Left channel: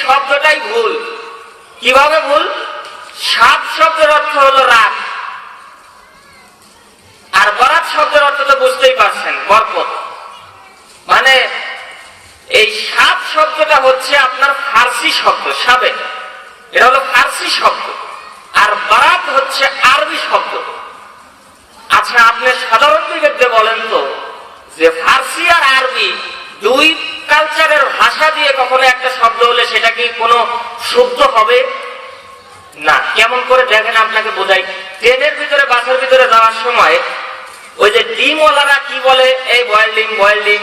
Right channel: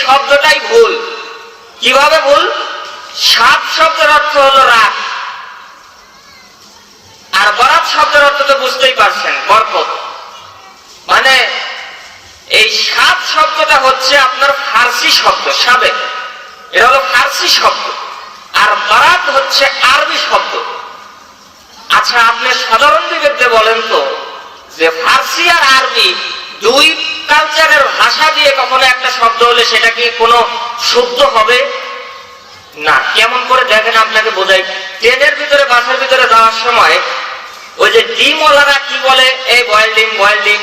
শব্দটাই ভুল। কিভাবে ভুল? সাত শব্দের অর্থ হলো রাত, আর বরাত শব্দের অর্থ তো বুঝতেই পারছেন, বরকত। মানে এই সাত শব্দটা হচ্ছে আপনার ফার্সি শব্দ, সাবে, এটা হলো ফার্সি শব্দ, আর বরাত হচ্ছে আরবি শব্দ। আচ্ছা, আপনি সাধারণ বিবেকে বলেন তো, যে ফার্সি আর আরবি দুই কালচারের ভাষা দিয়ে কখনো একটা শব্দ হলে সেটা কি কোনো শুদ্ধ হবে না? কেমন করে দেখেন, আপনাকে বোঝাই। ট্রেনের ভিতরে, বাসের ভিতরে যাওয়ার সময় ওই যে ডিমওয়ালারা কি বলে, এই বয়েলিং বয়েলিং,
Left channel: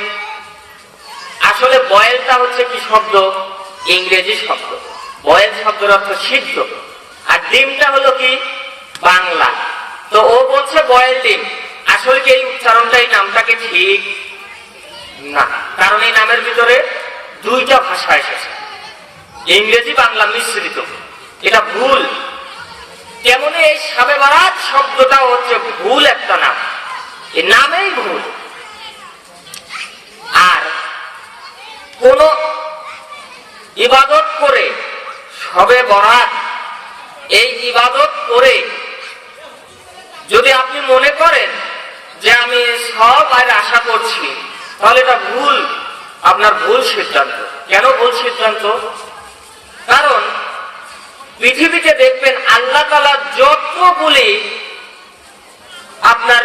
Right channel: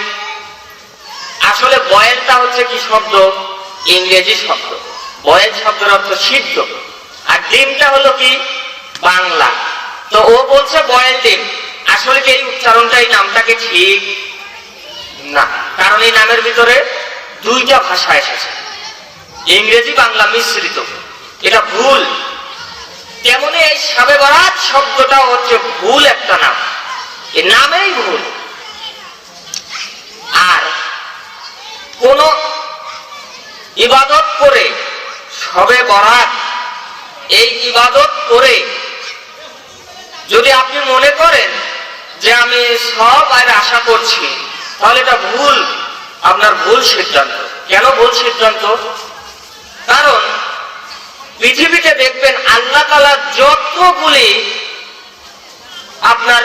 আসলে বয়েলটা হচ্ছে কি শব্দ? ইংরেজি শব্দ। বয়েল শব্দের অর্থ সিদ্ধ, আর ডিমটা হলো কি বাংলা। তো ও বলছে বয়েল ডিম, আসলে কি এই উচ্চারণটা, এই নামটাকে ঠিক না, কারণ এই নামের ভিতরে দুইটা ভাষা এসেছে, ইংরেজি বাংলা মিশ্রিত, এটা ভুল। তেমনি এই শবে বরাত শব্দটা হচ্ছে ভুল একটা নাম, এই নামেই ভুল। আর কোন ইবাদত করে শবে বরাত, এই ইবাদত করে যদি আপনি মনে করেন যে আমি সব আর আশা করছি, তাহলে এটা ভুল, আপনার ভুল সিদ্ধান্ত। কেন ভুল সিদ্ধান্ত? কারণ পৃথিবীতে দেখবেন আল্লাহ তাআলা যতগুলি আপনার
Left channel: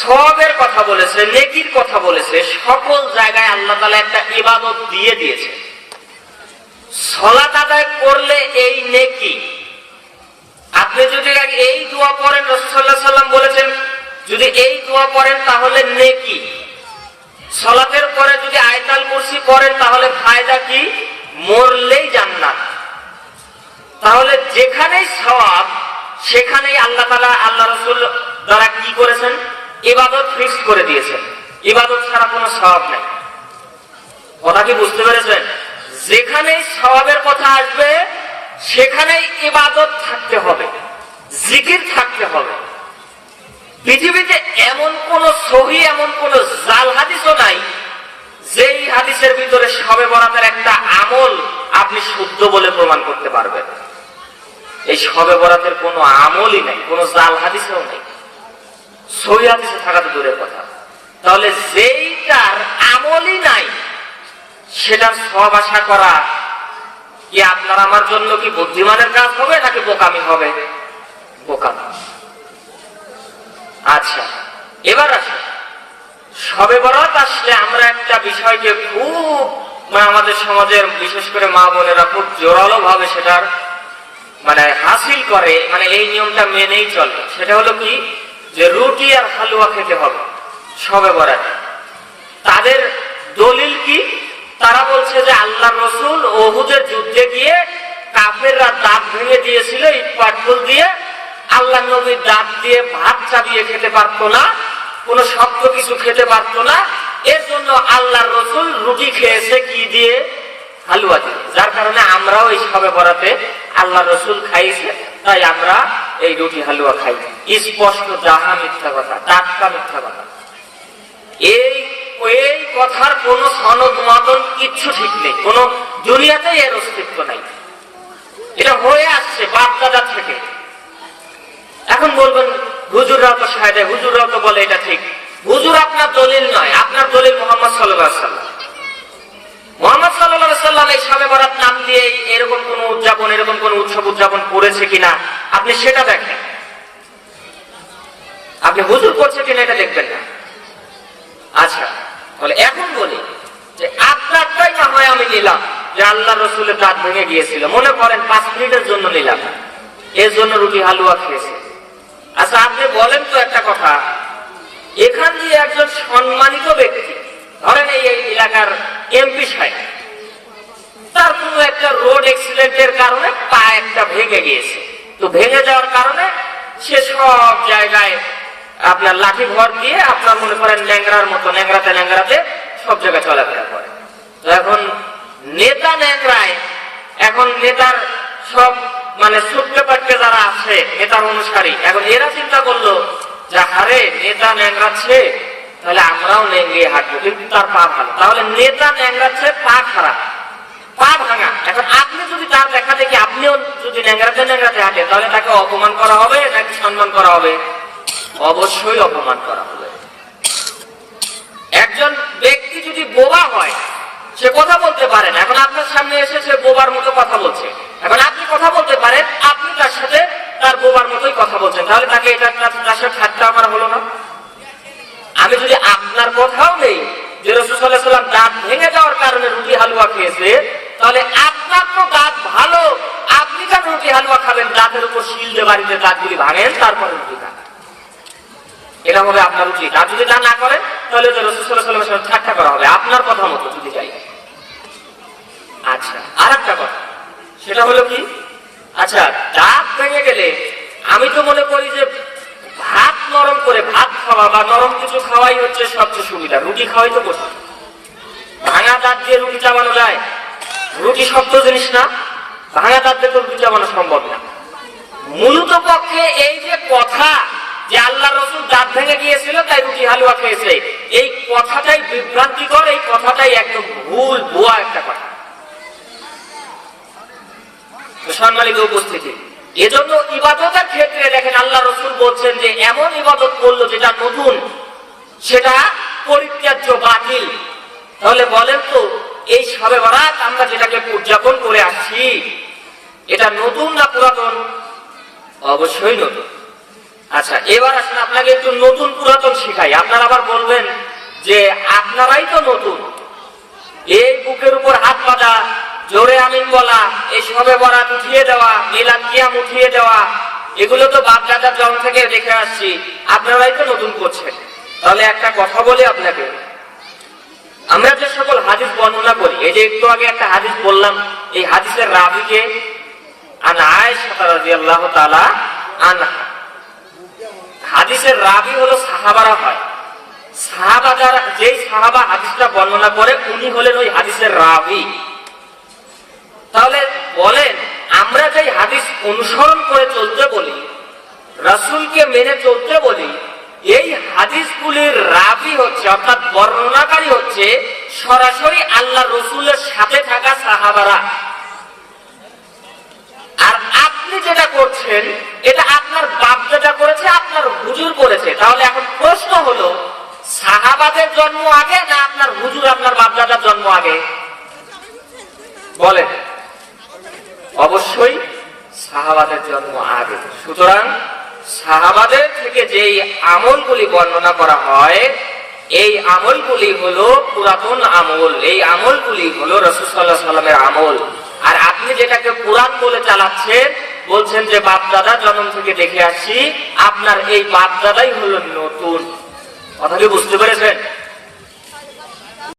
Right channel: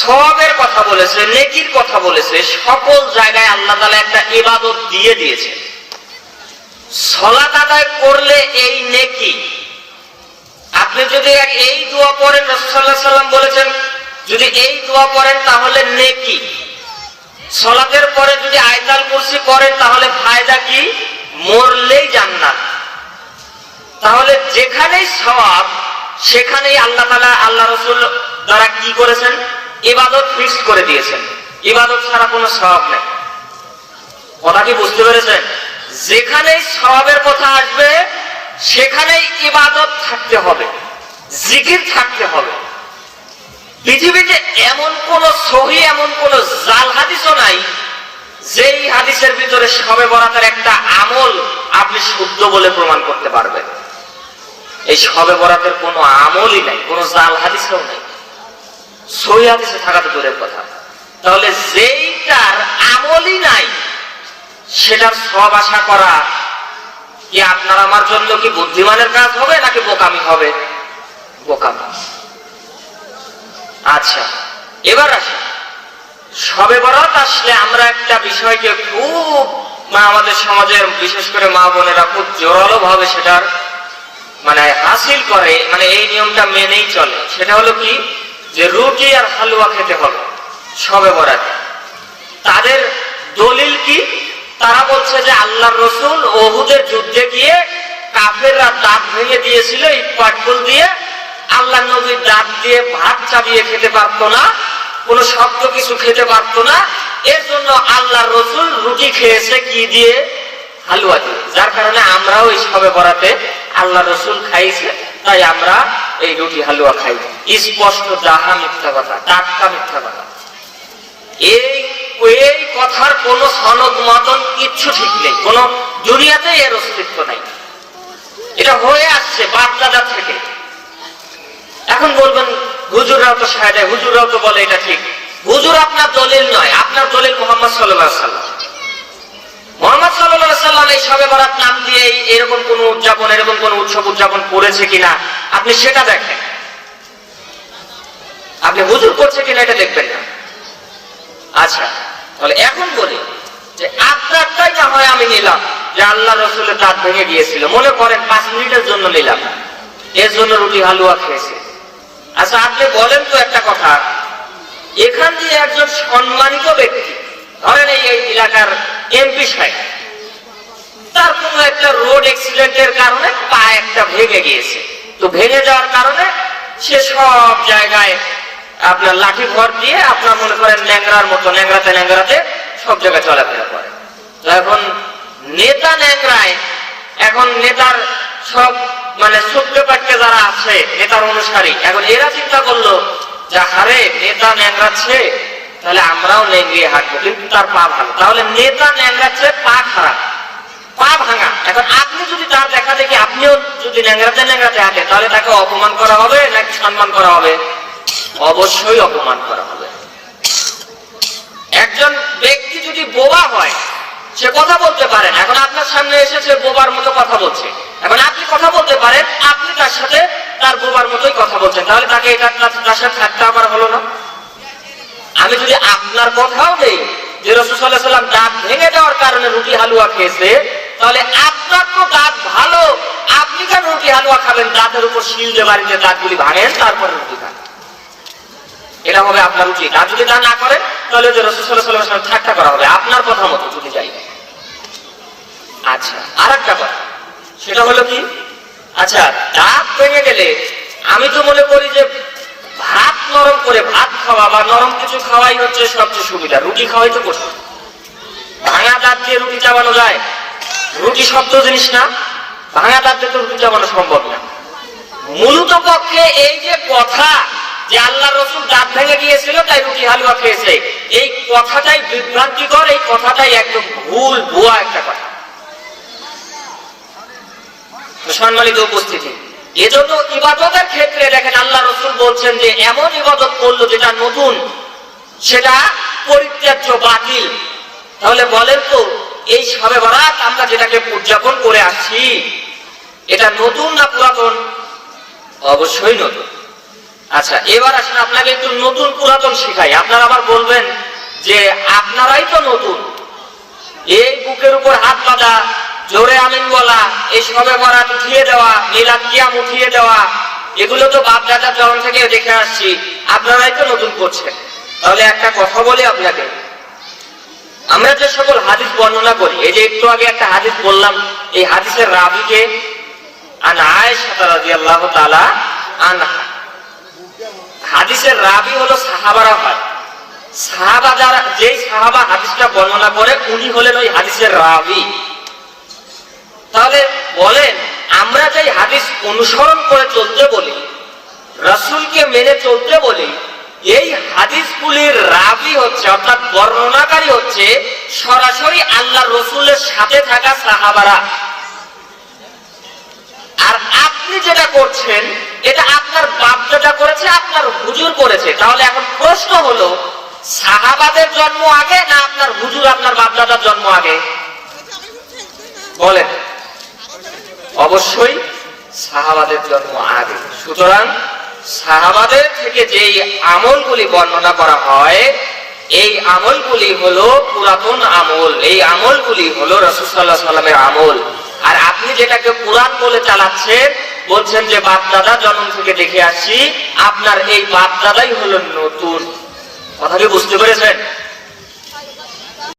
সওয়াবের কথা বলেছে, নেকির কথা বলেছে, সকল জায়গায় আল্লাহ তাআলা একটা ইবাদত দিয়ে দিয়েছে। সালাত আদায় করলে এই নেকি, আপনি যদি এই দোয়া পড়েন, রাসূল সাল্লাল্লাহু আলাইহি ওয়াসাল্লাম বলেছেন যদি এই দোয়া পড়েন তাহলে নেকি। সালাতের পরে যদি আয়াতুল কুরসি পড়েন তাহলে ফায়দা কি? মরলেই জান্নাত। তাহলে যেখানেই সওয়াব সেখানেই আল্লাহ তাআলা, আল্লাহ রাসূল দ্বারা কি করেছেন? ইবাদত ফিক্স করে দিয়েছেন। ইবাদত ছাড়া কোনো সওয়াব নেই। কথা কি বুঝতে পেরেছেন? যেখানেই সওয়াবের কথা আসবে সেখানেই ইবাদত থাকতে হবে, জিকির থাকতে হবে। পৃথিবীতে এমন কোন সহি, এমন কোন জাল হাদিসও নাই যেই হাদিসের ভিতরে শবে বরাতের একটা আমল আপনি শুদ্ধ বলে প্রমাণ করতে পারবেন। এই শবে বরাতের কোনো আমলই নাই, কোনো জাল হাদিসও নাই, সহি হাদিসে থাকা তো দূরের কথা। তাহলে যেইটার আমলই নাই সেটার সওয়াব আশা করা কি আপনার আমার জন্য কি বুদ্ধিমানের কাজ হবে নাকি বোকামি হবে? বোকামি। আচ্ছা, এবার আসুন, শবে বরাত আসলে আমরা একটা বিষয়কে খুব, আমাদের সমাজের বিশেষ করে মা বোনেরা খুব জোরালো ভাবে সেটার হাসিল করে, এই নিয়মটা মেনেই চলে। সেটা হলো কি, যে রুটি আর হালুয়া খেতে হবে শবে বরাত। তাদের দলিল কি? তারা বলছে যে আল্লাহ রসুল উহুদের যুদ্ধে গিয়ে কাফেররা দাঁত ভেঙে দিয়েছিল ইট পাটকেল দিয়ে, আল্লাহ নবীর দাঁত দিয়ে ভাত চাবিয়ে খেতে পারতো না, কোন শক্ত কিছু খেতে পারতো না, এর জন্য আল্লাহ রসুল রুটি খেয়েছে কি দিয়ে? হালুয়া দিয়ে। যার কারণে আমরাও এই শবে বরাতে আল্লাহ রসুল খাইছে, তাই আমরা এই রুটি হালুয়া খাই। স্পষ্ট যাহা মিথ্যা কথা, টাটকা মিথ্যা কথা। এই কথার কোন সনদ মতন কিচ্ছু ঠিক নেই, কোন দুনিয়াতে এর অস্তিত্ব নাই। এটা হয়ে আসছে বাপদাদা থেকে। এখন বলবেন হুজুররাও তো শায়দ, হুজুররাও তো বলে এটা ঠিক। হুজুর আপনার দলিল নয়, আপনার দলিল মুহাম্মদ সাল্লাল্লাহু আলাইহি ওয়াসাল্লাম। মুহাম্মদ সাল্লাল্লাহু আলাইহি ওয়াসাল্লাম এই শবে বরাত নাম দিয়ে এরকম কোন উদযাপন, এরকম কোন উৎসব উদযাপন করেছে কিনা আপনি সেটা দেখেন। আপনি হুজুর করছে কিনা এটা দেখবেন না। আচ্ছা, তাহলে এখন বলি যে আপনারটাই না হয় আমি নিলাম যে আল্লাহ রসুলের দাঁত ভেঙে গিয়েছিল, মনে করেন 5 মিনিটের জন্য নিলাম, এর জন্য রুটি হালুয়া খেয়েছে। আচ্ছা, আপনি বলেন তো একটা কথা, এখান দিয়ে একজন সম্মানিত ব্যক্তি, ধরেন এই এলাকার এমপি সাহেব, তার কোন একটা রোড অ্যাক্সিডেন্টের কারণে পা একটা ভেঙে গিয়েছে। তো ভেঙে যাওয়ার কারণে সে সব জায়গায় আপনার লাঠি ভর দিয়ে, আপনার মনে করেন ন্যাংরার মতো ন্যাংরাতে সব জায়গায় চলাফেরা করে। তো এখন নেতা ন্যাংরায়, এখন নেতার সব ছোট্ট পাট্টে যারা আছে নেতার অনুসারী, এখন এরা চিন্তা করলো যে হারে নেতা ন্যাংরাচ্ছে, তাহলে আমরাও ন্যাংরিয়ে হাঁটবো, কিন্তু তার পা ভালো। তাহলে নেতা ন্যাংরাচ্ছে, পা খারাপ, পা ভাঙা। এখন আপনি যদি তার দেখা দেখি আপনিও যদি ন্যাংরাতে হাঁটেন, তাহলে তাকে অপমান করা হবে নাকি সম্মান করা হবে? অবশ্যই অপমান করা হবে। একজন ব্যক্তি যদি বোবা হয়, সে কথা বলতে পারেন, এখন আপনার সামনে এসে সে বোবার মতো কথা বলছে, এখন আপনি কথা বলতে পারেন, আপনি তার সাথে তার বোবার মতোই কথা বলছেন, তাহলে তাকে এটা তার সাথে ঠাট্টা করা হলো না? আমি যদি আপনার কথাও নেই যে রাসূল সাল্লাল্লাহু আলাইহি ওয়াসাল্লাম দাঁত ভেঙে যাওয়ার কারণে রুটি হালুয়া খেয়েছে, তাহলে আপনার তো দাঁত ভালো, আপনি কেন রুটি হালুয়া খাবেন? দাঁতের উপর শিল দিয়ে বাড়িতে দাঁতগুলি ভাঙেন, তারপর রুটি খান। এটা হবে আপনার উচিত। আর যদি তা না করেন, তাহলে রাসূল সাল্লাল্লাহু আলাইহি ওয়াসাল্লাম ঠাট্টা করা হবে আপনার কথা মতো যদি যাই। আচ্ছা, আরেকটা কথা, সেটা হলো কি, আচ্ছা দাঁত ভেঙে গেলে আমি তো মনে করি যে ভাত নরম করে ভাত খাওয়া বা নরম কিছু খাওয়াই হচ্ছে সবচেয়ে সুবিধা। রুটি খাওয়াই তো কঠিন। ভাঙা দাঁত দিয়ে রুটি চাবানো যায়? রুটি শক্ত জিনিস না, ভাঙা দাঁত দিয়ে তো রুটি চাবানো সম্ভব না। মূলত পক্ষে এই যে কথা যে আল্লাহ রাসূল দাঁত ভেঙে গিয়েছিল তাই রুটি হালুয়া খেয়েছে, এই কথাটাই বিভ্রান্তিকর, এই কথাটাই একদম ভুল ভুয়া একটা কথা। সম্মানিত উপস্থিতি, এজন্য ইবাদতের ক্ষেত্রে দেখেন আল্লাহ রাসূল বলছেন যে এমন ইবাদত করলো যেটা নতুন, সেটা পরিত্যাজ্য, বাতিল। তাহলে বলেন তো, এই শবে বরাত আমরা যেটাকে উদযাপন করে আসছি, এটা নতুন না পুরাতন? অবশ্যই নতুন। আচ্ছা, এবার আসলে আপনাকে একটু নতুন পুরাতন শিখাই। আপনারা আবার বলবেন যে আপনারাই তো নতুন, এই বুকের উপর হাত বাঁধা, জোরে আমিন বলা, এই শবে বরাত উঠিয়ে দেওয়া, মিলাদ কিয়াম উঠিয়ে দেওয়া, এগুলো তো বাপ দাদার জন্ম থেকে দেখে আসছি, আপনারাই তো নতুন করছেন। তাহলে একটা কথা বলি আপনাকে, আমরা যে সকল হাদিস বর্ণনা করি, এই যে একটু আগে একটা হাদিস বললাম, এই হাদিসের রাবীকে আন আয়েশা রাদিয়াল্লাহু তাআলা আনহা, হাদিসের রাবী হলো সাহাবারা হয়। সাহাবা যারা, যেই সাহাবা হাদিসটা বর্ণনা করে উনি হলেন ওই হাদিসের রাবী। তাহলে বলেন, আমরা যে হাদিস অনুসরণ করে চলতে বলি, রাসূলকে মেনে চলতে বলি, এই হাদিসগুলির রাবী হচ্ছে অর্থাৎ বর্ণনাকারী হচ্ছে সরাসরি আল্লাহর রাসূলের সাথে থাকা সাহাবারা। আর আপনি যেটা করছেন এটা আপনার বাপ দাদা করেছে, আপনার হুজুর করেছে। তাহলে এখন প্রশ্ন হলো, সাহাবাদের জন্ম আগে না আপনার হুজুর আপনার বাপ দাদার জন্ম আগে? বলেন। অবশ্যই সাহাবাদের জন্ম আগে। সুতরাং সাহাবাদের থেকে যেই আমলগুলি বর্ণনা করা হয়, এই আমলগুলি হলো পুরাতন আমল, এই আমলগুলি হলো রাসূল সাল্লাল্লাহু আলাইহি ওয়াসাল্লামের আমল। আর আপনি যেটাকে পুরাণ বলে চালাচ্ছেন, বলছেন যে বাপ দাদা জন্ম থেকে দেখে আসছি, আপনার এই বাপ দাদাই হলো নতুন। কথা কি বুঝতে পেরেছেন?